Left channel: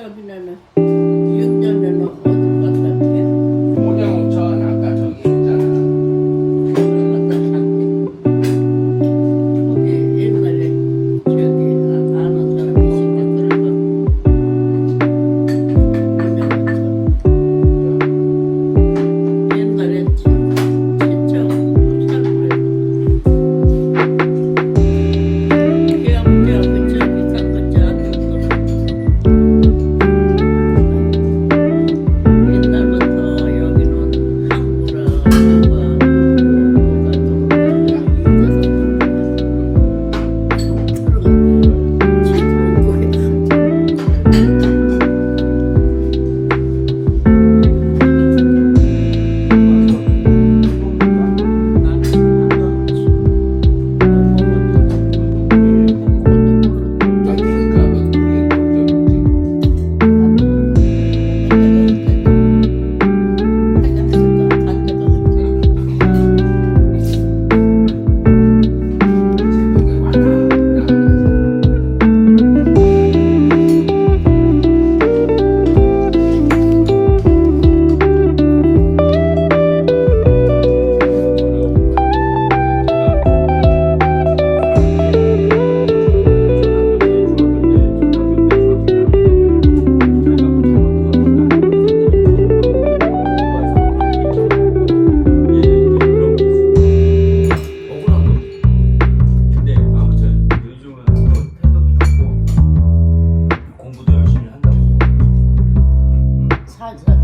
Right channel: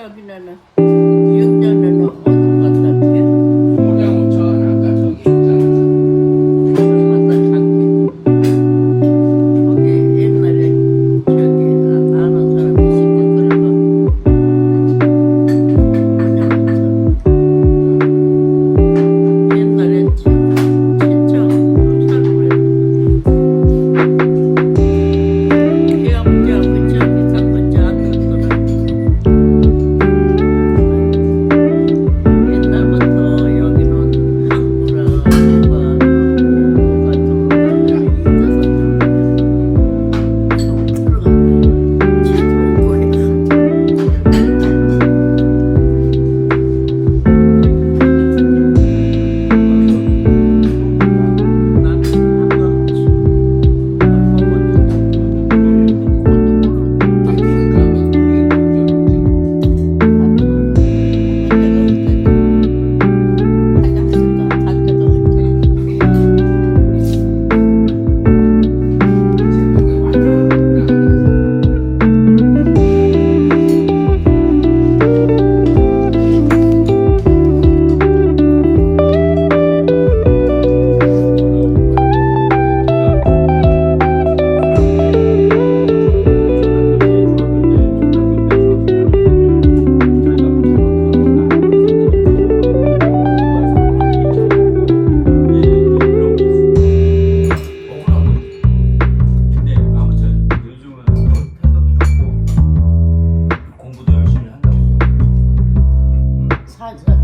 여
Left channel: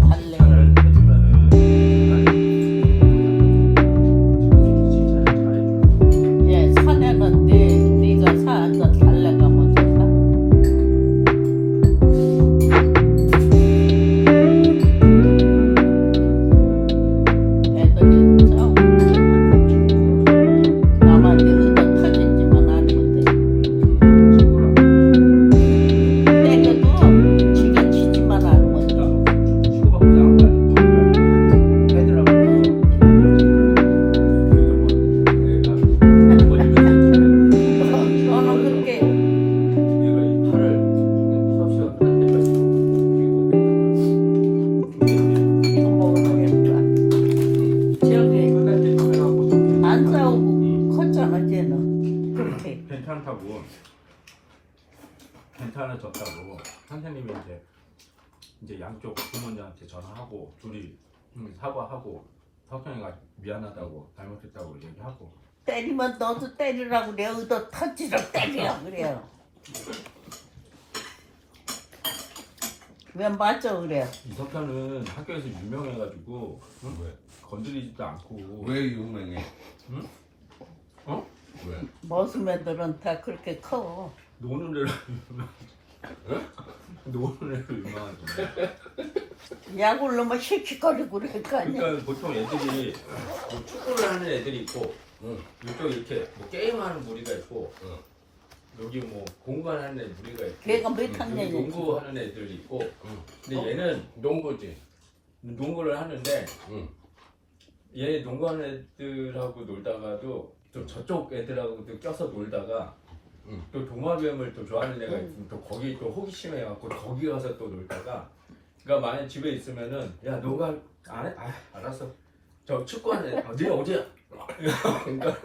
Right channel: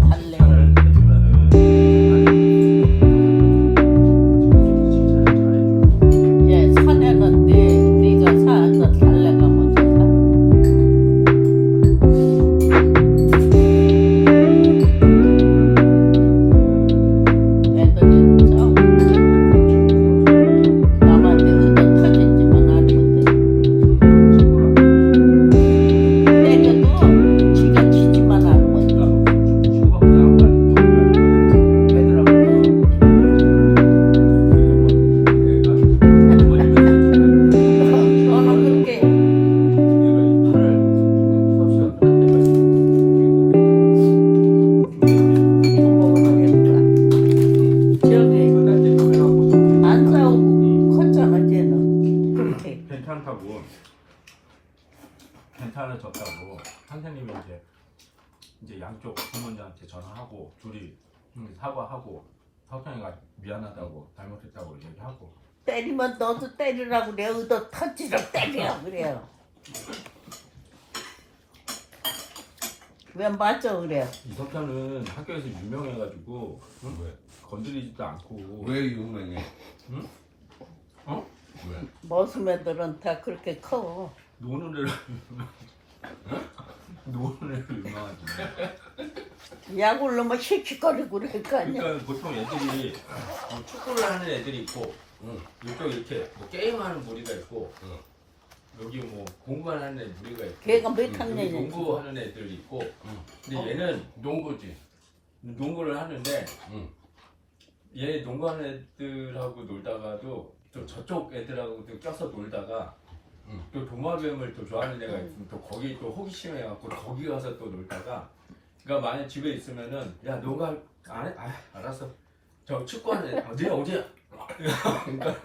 살 괜찮아졌다고. 선생님이 이제 이제 양쪽 부모님한테 전화하고 둘이 음, 사과하고 석현이가 미안하다고 잘못했다고 얘기하고 때리면 너도 때리라고 그래 의도 터치로 때리라고 그래요 왜 맞아 그래 석현은 학교에서 유명해가지고 어? 건드리지도 않고 왜 유명해? 어? 왜? 모습 애들은 다 그렇게 커 노는 애를 노는 애를 유명하지 약을 넣으면 씩씩거리고 그러니까 그러니까 보통 애들이 뭐 축구를 하는 애들이 있고 응. 이쪽 이렇게 뭐 게임하는 무리가 있고 응. 여기 뭐 공부하는 애 무리가 있고 걔가 몇 여기 학년이지 농구하는 애들이 있고 응. 근데 얘는 농구지. 농구를 하는데 응. 얘 농구하는 애들하고 놀다가도 좀 저쪽 애들하고 또 껴서 놀다가 응. 또 도마뱀을 또 좋아하는 애가 있으면 또 거기 또 호기심에 갖고 거기 가서 또 놀다가 그러니까 만약 집에 있으면은 야 너가 안 해? 아 알았어 저 축구하는 애 어제 어제 그러니까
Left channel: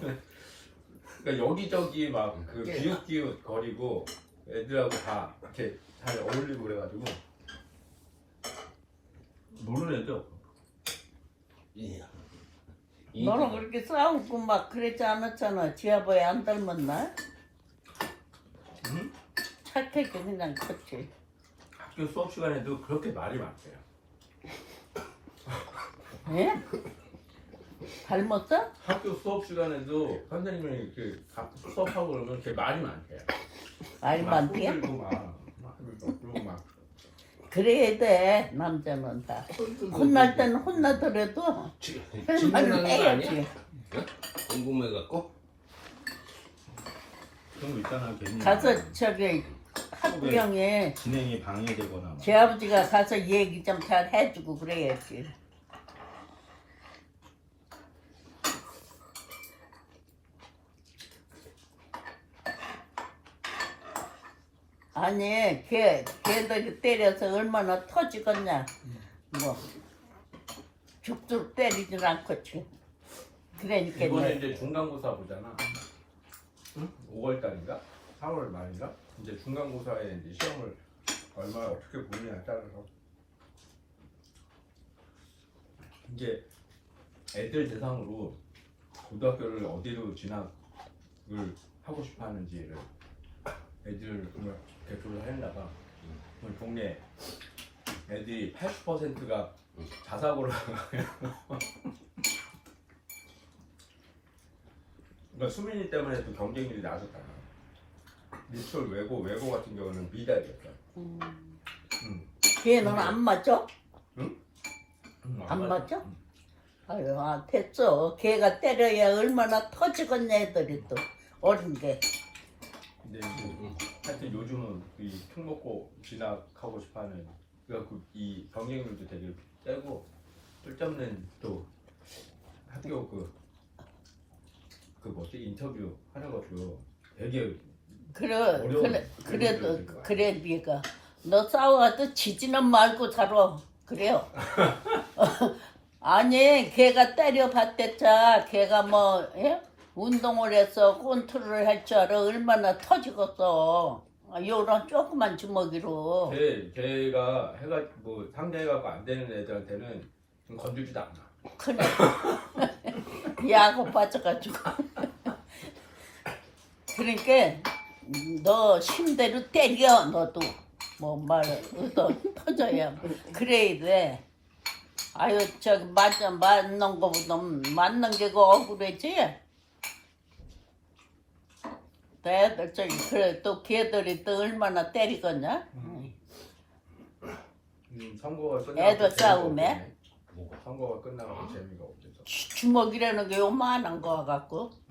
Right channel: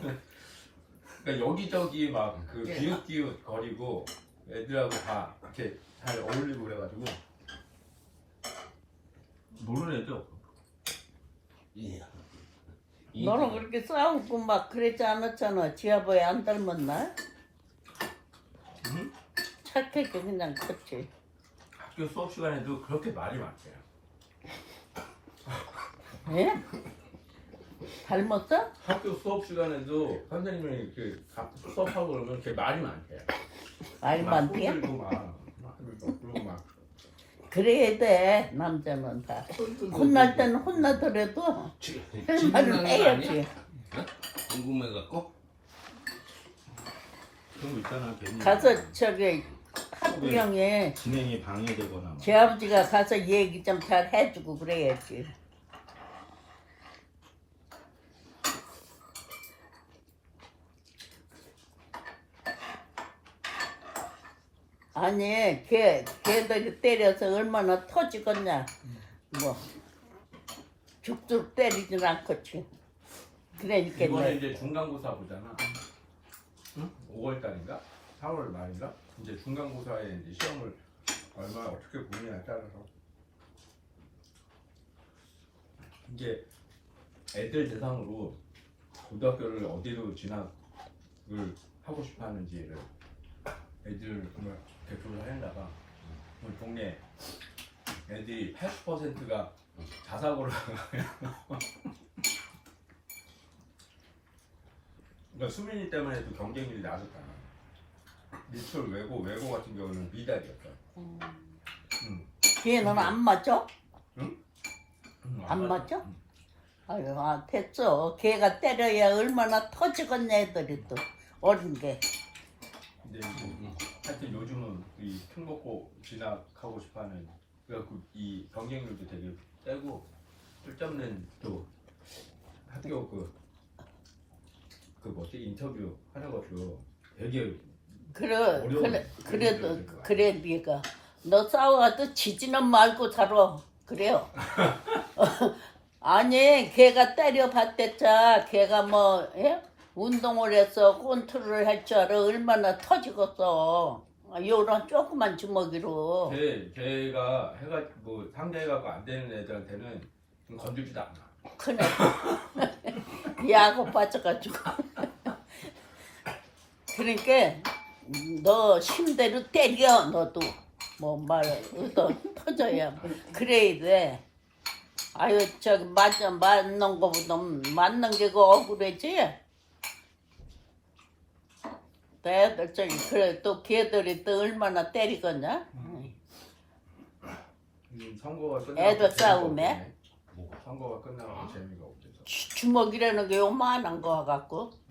그러니까 여기저기 막그 기웃기웃 거리고 애들하고 다 이렇게 잘 어울리고 그래가지고 모르는 애들 없어. 이. 너는 그렇게 싸우고 막 그랬지 않았잖아 지아버지 안 닮았나? 응? 착하게 그냥 컸지 학교 수업 시간에도 그렇게 말이 많대요. 예? 닮았어? 학교 수업 시간에도 선생님이 이렇게 가- 수업하고 그러면 이렇게 말이 많대요. 말 많대요? 막 그래야 돼 남자는 다. 혼날 때는 혼나더라도. 진행하는 거 아니야? 해야지 궁금해갖고? 가서 저기 학부형에 진행이 방해되거나 막. 제 아버지가 가서 얘기 좀 잘 해주고 그래야지 아니 걔 걔들이 때려서 얼마나 터지겠냐 뭐 죽도 때리진 않겠지 그러니까 이번에 내 이제 중간고사 보잖아. 응? 5월달인가? 3월 말인가? 이제 중간고사에 이제 시험을 얼마나 어떻게 보느냐에 따라서 이게 애들 대상으로 고등학교를 어디로 진학을 하고 싶어 하는지를 애들 보면 대표를 했나봐. 오늘 동네 애들이 80%가 자사고를 그러니까 수민이 때문에 또 경쟁률이 낮았잖아. 미술 외고 외고 같은 경우는 미달이었어. 음. 걔는 안 맞죠? 음, 안 맞죠? 아유 아, 됐어 걔가 때려야 얼마나 터지겠냐 애들이 또 어린 게 이제 뭐, 하여튼 요즘은 이 특목고 진학하고 싶어하는 그래갖고 이 경쟁률도 되게 세고 쓸데없는 또 학교 그, 그 뭐지? 인터뷰 하는 것도 되게 그래 어려운 그래 그래도 그러니까. 그래 네가. 너 싸워가도 지지는 말고 살아. 그래요. 아니 걔가 때려봤댔자 걔가 뭐 예? 운동을 해서 컨트롤 할 줄 알아. 얼마나 터지겠어 아, 요런 조그만 주먹이로. 걔, 걔가 해가 뭐 상대해갖고 안 되는 애들한테는 건들지도 않아. 그래. 야구 빠져가지고. 그러니까 너 힘대로 때려 너도. 뭐말 얻어 터져야. 그래야 돼. 아유 저기 맞아 맞는 거보다 맞는 게 그 억울하지 애들 저기 그래 또 걔들이 또 얼마나 때리겠냐 음, 선거가 끝나고 애들 재미가 싸움에? 없네. 선거가 끝나고 재미가 없어서. 주먹이라는 게 요만한 거 같고 음.